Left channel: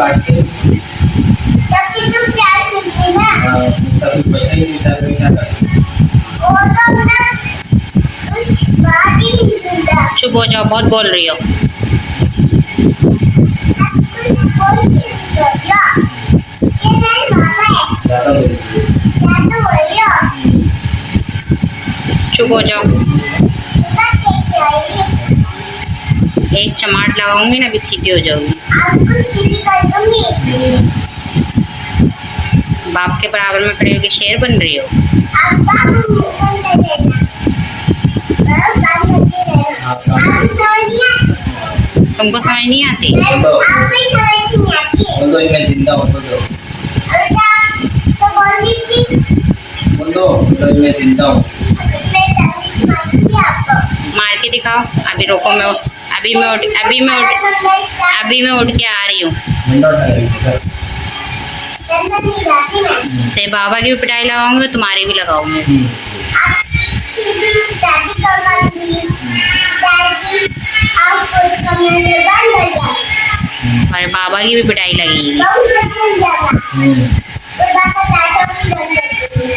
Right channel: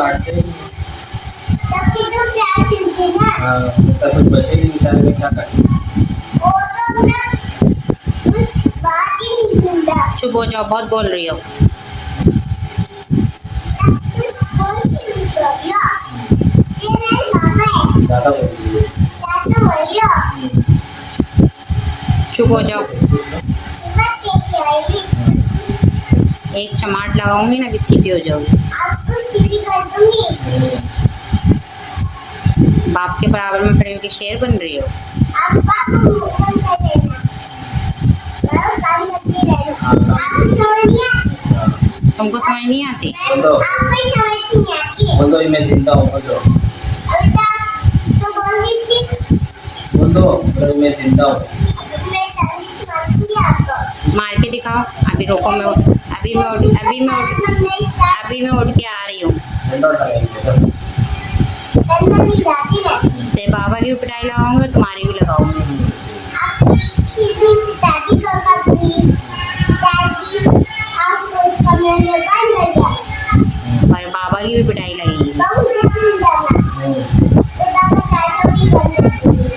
काट के तब की तो प्यार चलती ना। हाँ तब पैसे ही हिसाब में क्या करते वो तो अपना कुछ बात ही नहीं सुनता। चुप हो जाओ, बहुत बोल रही हो। कुछ बोल ही नहीं सकता। ये नहीं बाबा है। ज़्यादा बोल क्या तो बोलियो। चुप हो जाओ। बात कैसे आएगी? एक चमाट लगाऊंगी ना, अभी सीधी हो जाओगी। आपको सीधी कर दूंगी। बाप के बराबर में खड़े होकर शेर बन रही हो। आप बाबू मुंह कर देना। बस काम करते रहना। आप समझ नहीं आती। तुमको समझ नहीं आती? आपको समझ नहीं आती। बोल दो मैं जिंदा हूँ बोल दो अब तो बोल दीजिए। मैं जिंदा हूँ मैं तमीज़ मारती आपको। मार के दिखाओ। अभी रोको, मैं अभी मैं उठ के आ रही हूँ। जिंदा उठा लेंगे टेंशन नहीं जाती मैं। ते बाबा की भी पिटाई लगाऊंगी, तुम्हारी भी लगाऊंगी। आपकी भी दादी को कर दूंगी। दादी आपको इस कमरे में बंद कर जाए। और बाबा की भी पिटाई लगेगी। बहुत सुन जाना। तो दादा चाचा भी कर दूंगी।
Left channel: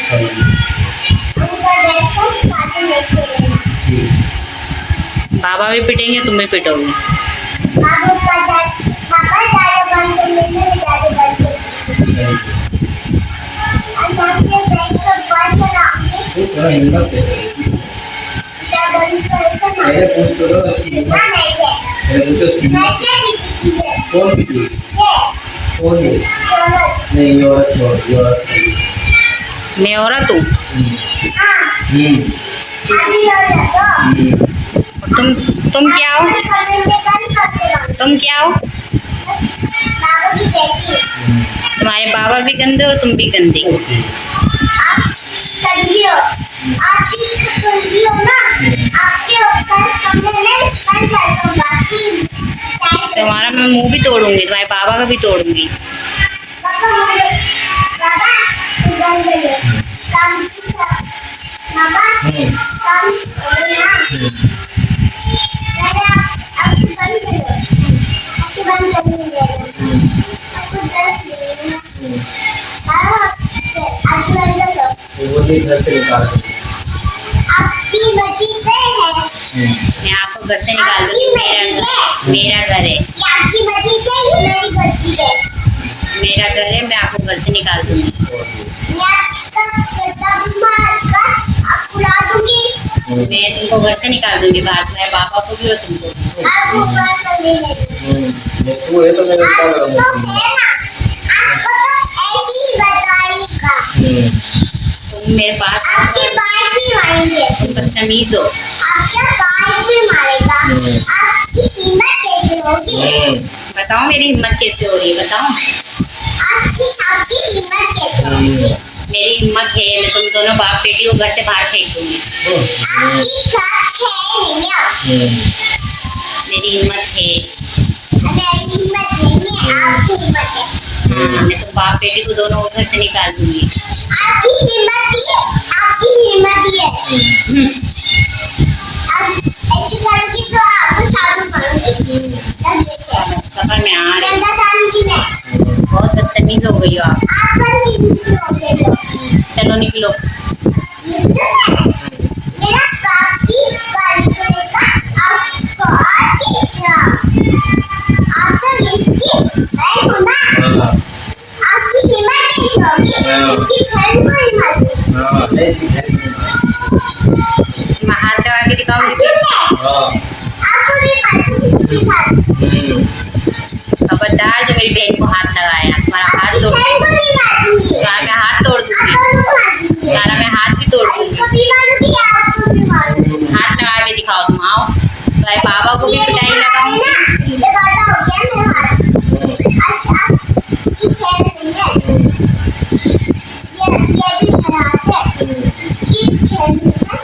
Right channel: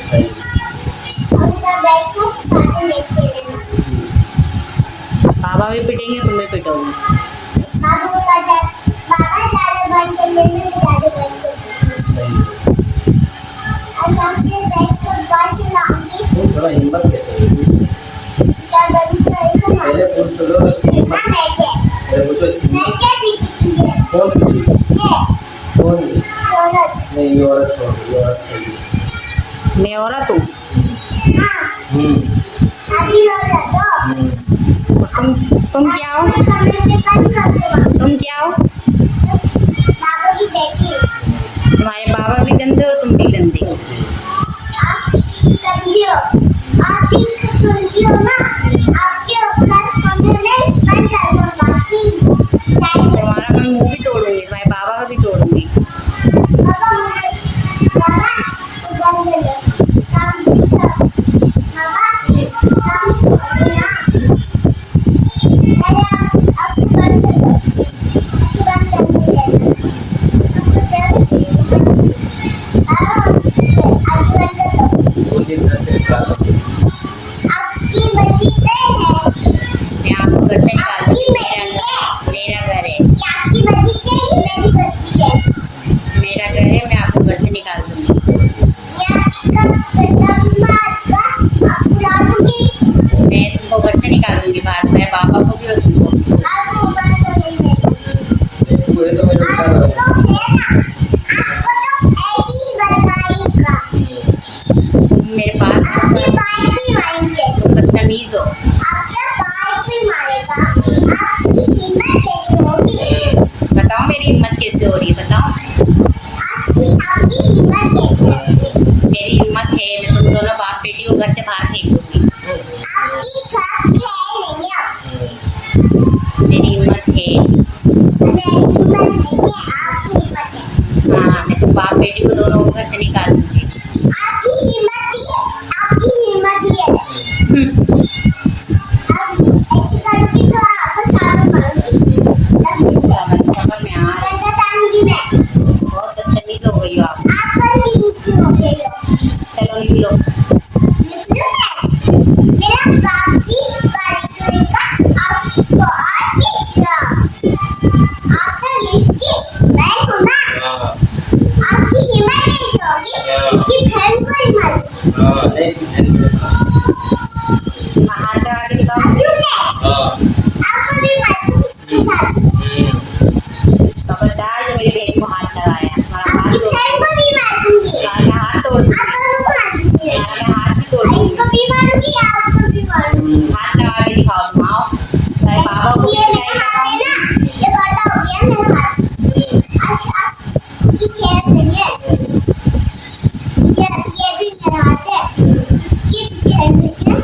अंकल बैठ कर कार्टून देखते रहना। बाबा भी पिटेंगे, तुम भी पिटोगी। बाबा दादा बंद कर देने में दादी बंद कर दूंगी। और नाम से बैठ कर बात सुनाऊंगी। हिम्मत कैसे दादा बंद कर ना। मेरे पूछ तो दो उसकी ना हिम्मत मैं मेरे पूछो उसकी मैं हिम्मत क्या दिखती है? कौन भी ये कौन है चलो। नहीं ये औरत सही है मैं औरत हूँ। हाँ अभी लोग लगो। तुम क्या हो? कमरे में बंद कर दो। तुम क्या हो? बाबा की बेटी। तुम्हारे बाबा भी गंदे और तुम भी गंदी। आप कंदी हो। आप भी कंदी हो ना। आपके ऊपर कमरे में बंद कर दो। बाकी तुम्हारा मैं मुंह भी तोड़ूंगी, तुम्हारे बाबा का भी तोड़ूंगी। बाबा उधर ले ले। काम बाबा काम ना। मैंने आप बंद कर दो। बंद कर दो। आपको जरूरत आप बंद कर दो। बोली इधर से निकाल आपकी बची से है। मैं आपको घर से निकाल आपकी दूंगी। बची है। मेरा घर है। ये आपकी बची से ये मेरी बची है। मेरा घर है, मैं आपको घर से निकाल दूंगी। मैं आपका मारकर आपको उड़ा दूंगी। मैं तुमको घर से निकाल दूंगी बाहर। मेरे पापा को भी और तुमको। आपको ऊपर कर देंगे। तू है तो मेरे साथ आपको रहूँगा है ना। आपको तो ऐसी ही बताएगा। तुम मेरे पास आपके बाल भी मारेंगे। बदतमीज हो। आपके बाल भी मारेगा। आपकी हिम्मत कैसे होगी? बताओ मेरी हिम्मत कैसे हो रही है, बताओ। आपकी हिम्मत कैसे होगी? मेरी हिम्मत है, मैं तुम दोनों बाप बेटी को घर से बाहर फेंक दूंगी। आपकी हिम्मत है नहीं अब। मेरी हिम्मत है। मेरी हिम्मत नहीं है। आपकी हिम्मत है। हाँ, मैं तो बाप बेटी को दोनों को घर से निकाल दूंगी। आपकी हिम्मत ही है। आपकी हिम्मत ही है। अब ऐसी करके तो आपको चालू मारूंगी। सफर में आ रही डंडा डालूंगी मैं। बहुत बदतमीज हो गई हो आप। आपका नीचे हो गए हो। चलो निकलो। मेरा बाप भी गाली करेगा आपको और देगा। आप तो इसकी बहन हो ना। आपकी हिम्मत कैसे होगी? इसकी बहन को ही मारूंगी। मैं हाथ लगा के दिखाऊंगी। अर्जुन ने आपको भी मारूंगी। खबरदार जो मेरी बहन को हाथ लगाया, तुम्हारा हाथ आपकी तोड़ बहन को भी मारूंगी। तुम्हारा मैं हाथ तोड़ दूंगी। आपको भी मारूंगी। तुम्हारा मैं हाथ भी तोड़ दूंगी। इसको भी मारूंगी। आपको भी मारूंगी। हाथ लगा के दिखाओ तुम, आओ। तुम्हारे बाबा को भी ये पिटाई दिखा लगाओ। देना। ये बाटा हो गया मेरा हाथ। अच्छा की खेल नहीं है। ये भी मेरा हाथ है। इसकी खेल नहीं है।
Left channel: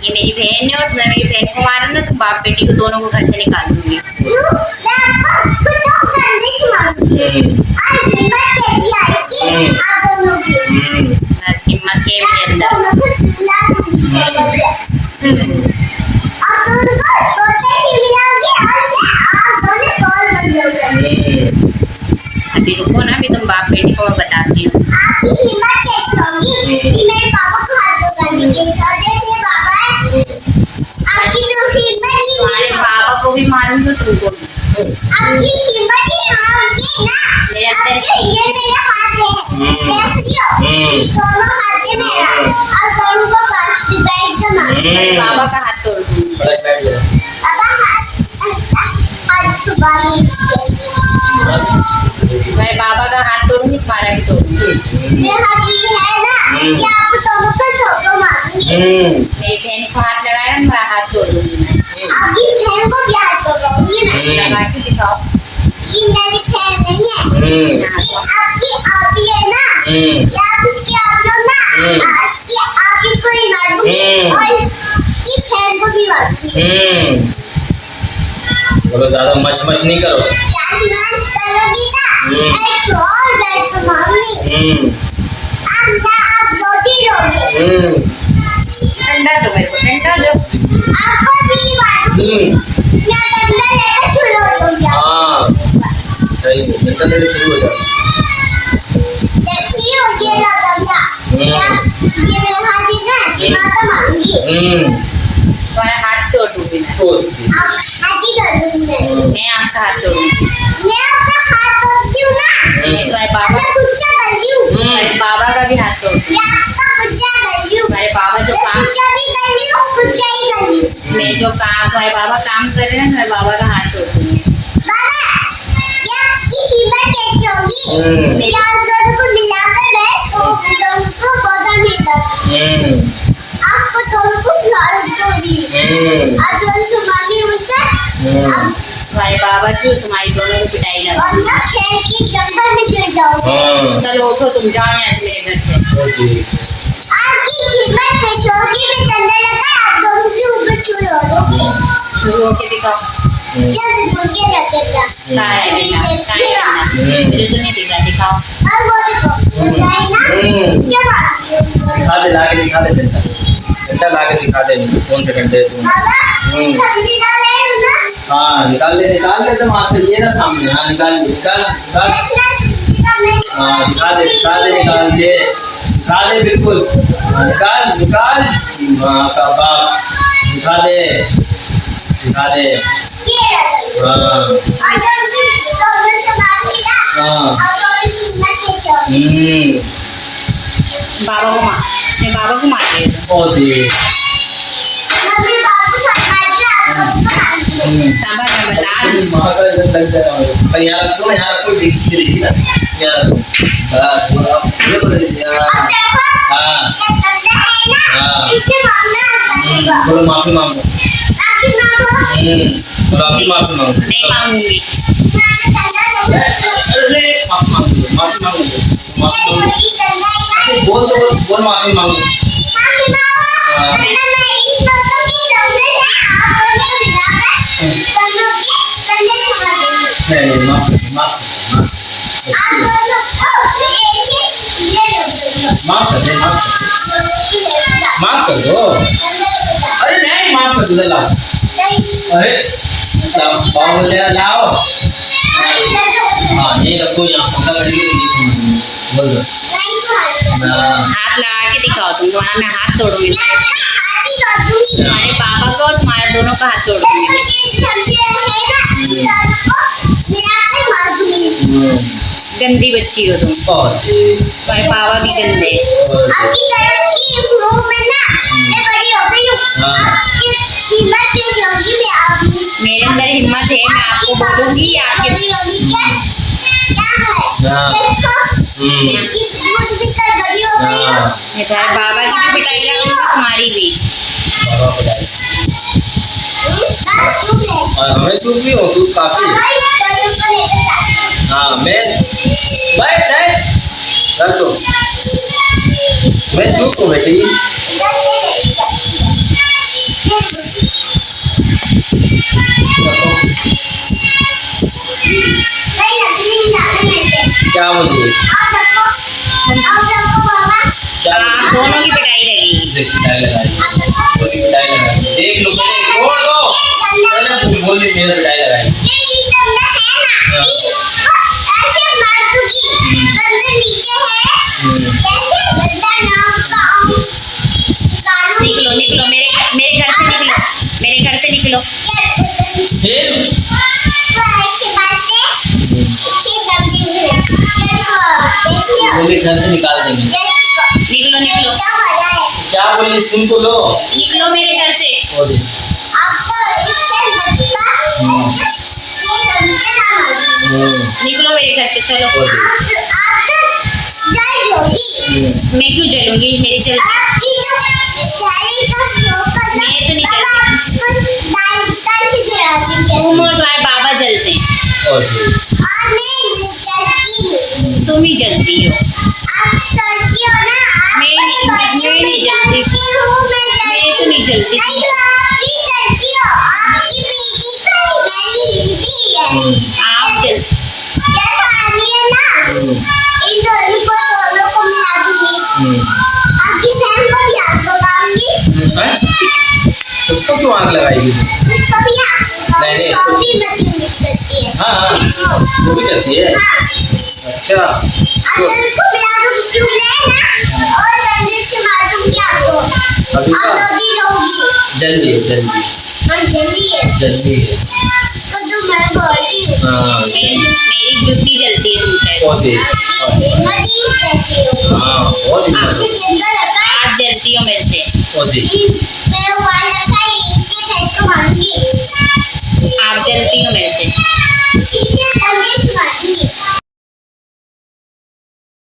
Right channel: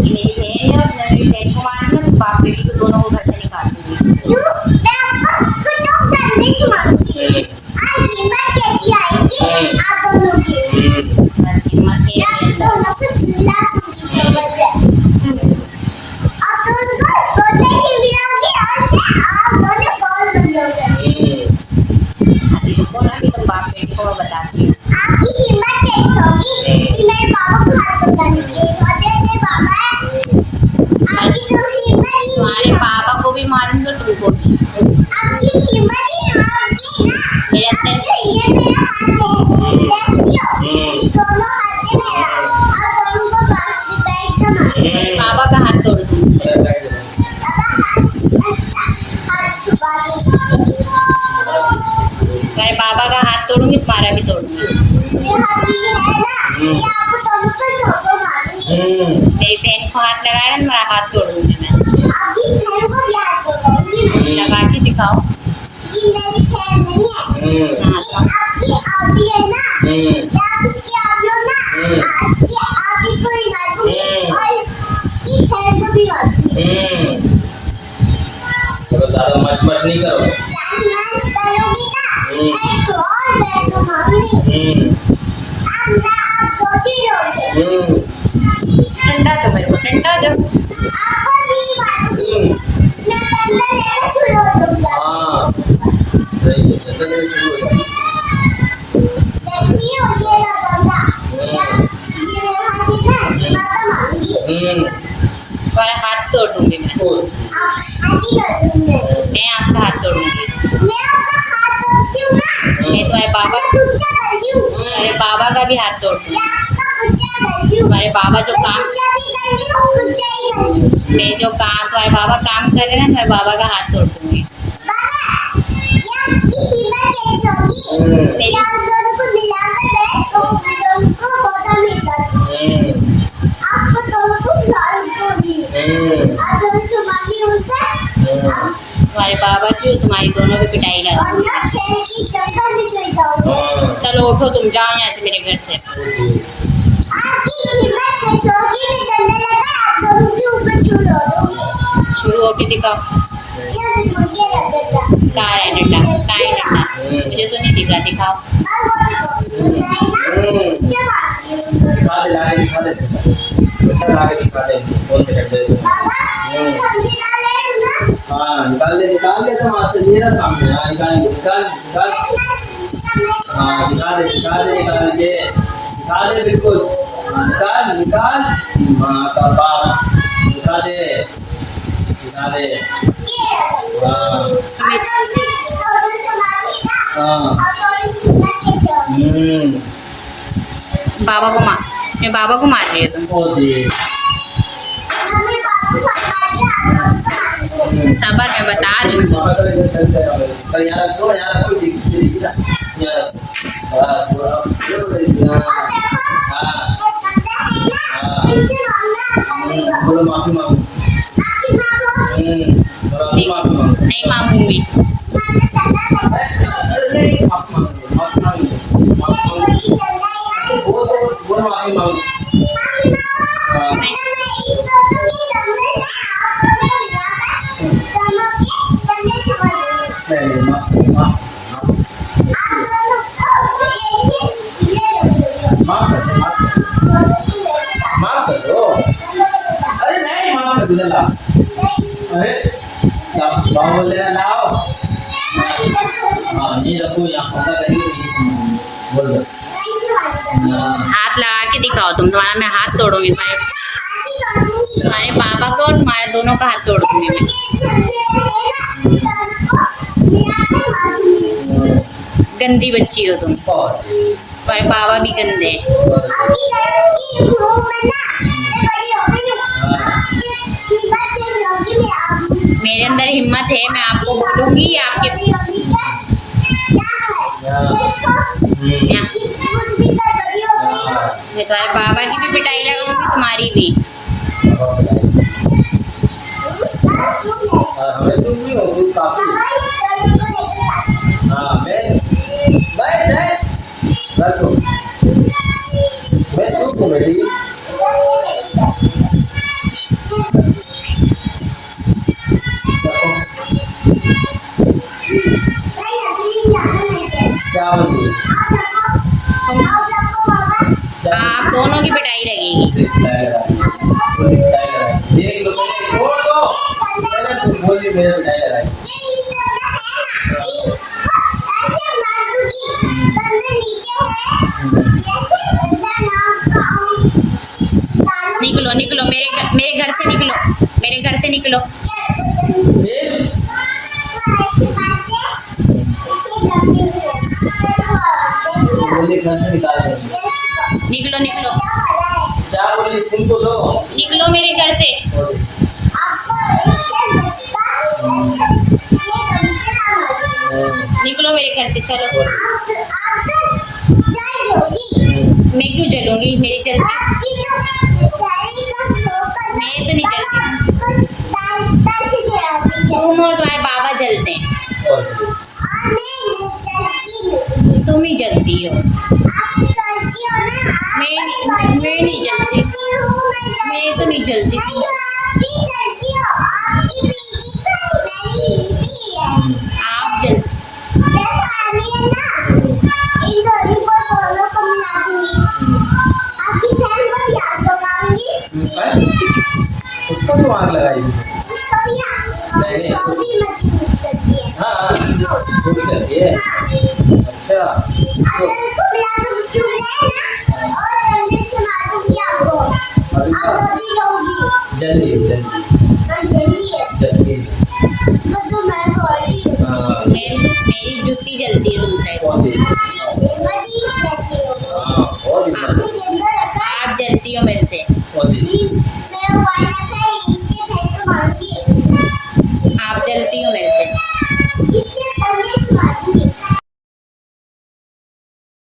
ये मेरी बहन है और मैं मेरी बहन को मारा ना तो बाप बेटी को दोनों को घर से निकाल दूंगी। क्यों? मैं आपको कुछ करने से मारूंगी। आज हिम्मत कैसी आएगी आप दोनों की? बस हिम्मत के मैं मेरे अंदर। दोनों को झूला दूंगी साइकिल से। आप दोनों को बोलते ही मिलाऊंगी और से आप दोनों कॉल बन जाओगे। कि मेरे पापा को हाथ पकड़ने के लिए दे बाबा आपकी तो हिम्मत ही तुम्हारे नहीं पापा को भी मारूंगा तुमको भी। आपकी हिम्मत ही होगी ना मेरे अब अंदर तो ये मेरा हाथ है देखियो दोनों हाथ है मेरा और दोनों को पास से बैठ के मार तुम्हारे पापा का हाथ तोड़ दूंगी। बैठ जाओ। अब हाथ छुपा तुम्हारे पापा का हाथ तोड़ूंगी, तुम्हारा भी तोड़ूंगी। मेरा हाथ ये है ना कि आप दोनों को ठोको मारूंगी मेरी बहन को हाथ लगाएगा तो मेरा हाथ तोड़ दूंगी मैं। आपकी बहन को भी हाथ पकड़ूंगी मैं लगा के दिखाओ। ये मेरी बहन नहीं है हाँ, ये आपकी आपी है ना या उसकी आप लोग ना आज की आपी को ही मारूंगी और इसकी बहन को भी मारूंगी थोड़ा ज्यादा मच नहीं करो। जान करोगी ना एक और बैठ को मारूंगी आप दो तीन लोगे ठंडा दो मेरे को, ठंडा दो। आपको भी मारूंगी मैं डंडा लेकर शुरू हो जाऊंगी हाँ सही है, शुरू हो जाए। देखती हो ये लो डंडा या ये मेरा हाथ है ना माता मारूंगी तुम्हारा हाथ तोड़ दूंगी मैं। आप हाथी कर दूंगी मैं आपका हाथ तोड़ूंगी। मैं आपका हाथ तोड़ती हूँ ना मैं तुम्हारे पापा मैं गुस्सा करती हूँ तुम्हारे पापा का भी हाथ तोड़ूंगी। मैं आपका गुस्सा करती हूँ तुम्हारे पापा जो मैं काम गुस्सा भी कर रही हूँ गुस्सा ही कर रही हूँ मैं जो काम तुम्हारे पापा काम कर रहे हैं तुम्हारे पापा का हाथ तोड़ दूंगी। बाबा क्या आपकी हिम्मत कैसी होगी क्या आप दोनों को मिलाकर बैठ तो वो दोनों को बोतल मिलता आपको दोनों को फ्लॉर भी आप दोनों से माफी उठकर अब तुम्हारे पापा की तुम्हारी दोनों की पिटाई लगा। और ना खेल की जंगल में चले जाओगे चलो उठो, तुम जाओ यहाँ से मेरे घर से। आपकी हिम्मत कैसी होगी मैं डंडा लगा आप दोनों के ऊपर छुड़ा दोगे शुरू होके दिखाओ। जल्दी ढूंढ के रख देता कहाँ है डंडा? कहाँ है डंडा? मुझे तो नहीं दिख रहा, दिखाओ। और वो देखो डंडा है ना चलो दिखा दे डंडा ला के दिखा दे। कौन से डंडे तुम? बाबा सब्जी डाल रहे हो ना हाँ निकाल ले तो वहाँ से ये ना सामने। हाँ निकाल हाँ दिखा दे बिल्कुल। हाँ निकाल माँ का बाप दिखा दे ये हाँ अगर तुम दोनों से मार के ना हाँ आप दोनों की हिम्मत कैसी होगी बाबा को मार, मैं बाबा को मार दिया तुम। बहुत ही मम्मी बाबू साथ मार के आप दोनों को मार दिए साबा मैं बता दूँ। वहाँ का जो तक जगह हो। यहाँ रखो देखी ना यहाँ रखो। बस वो अब अब देखो हाँ ये डंडा है ना हाँ। इसे मारना आता है थोड़ा माफी मांगो। आपकी माँ को थोड़ा अभी माफी मांगो। नहीं मांगूंगी। मैंने डंडा नहीं अरे माफी मांगो ये वही डंडा है ना बोल माफी मांगो। आपकी माँ को हाँ। मैं इन दोनों के डंडे से आप दोनों को मिलाकर दोनों के डंडे से मार दूंगी नहीं माफ आप दोनों ये माफ कर दे माफ कर दो। अरे नहीं माफ कर दो ला। अरे लाओ लाओ हाँ ये रखो यहाँ पंखा करके तो ये बोल दो हाँ हाथ लगा के दिखाओ तुम, तुम्हारा मैं हाथ तोड़ूंगी। तुम्हारे पापा को और तुम्हारे दोनों का हाथ तोड़ दूंगी मैं। गंदी बच्ची हो तुम। बहुत तुम्हारे पापा भी गंदे हैं। मेरे अंदर हिम्मत है, मैं आपको बोलूंगी आपके मैं तुम्हारे बाबा की भी पिटाई लगाऊंगी, तुम्हारी भी। और हमें चुप भी हो तू काफी। हाँ मैं बैठ तो मैं चुप हूँ बेटी। क्या बोलिए क्या आप दोनों की पिटाई लगेगी। पिटाई लगाई देख लो छोड़ दो बोली मेरा पिटाई लगाई देखियो मुझे घर से निकाल देंगे। निकलो निकलो क्या हो रहा है क्या बोली सुन को लो। निकलो मेरे घर से। बोली। आपको इससे बचता ये समझे ना निकलो मेरे घर से चलो। बोली। आप जाओगी मैं क्यों जलूंगी, मेरी जल आपकी जो जाली का फोकस मैं तो नहीं तुम और तुम्हारे बाबा जलते हैं, बोली। और मैं चलती हूँ तुम ही जलती हो। आप चलती हो ना मैं नहीं जलती। मैं तो नहीं जलती। नहीं तो आप भी चलती हो आपकी पीठी पर मेरी बीबी है आप जल जैसा आनी है ना इन दोनों को मिला दूंगी आपकी बहन को भी आग लगाऊंगी उसको क्यों आग लगाएगी? उसको भी आग नहीं, लगाऊंगी वो भी मत यूज करती है हाँ वो भी करती है। हाँ अच्छा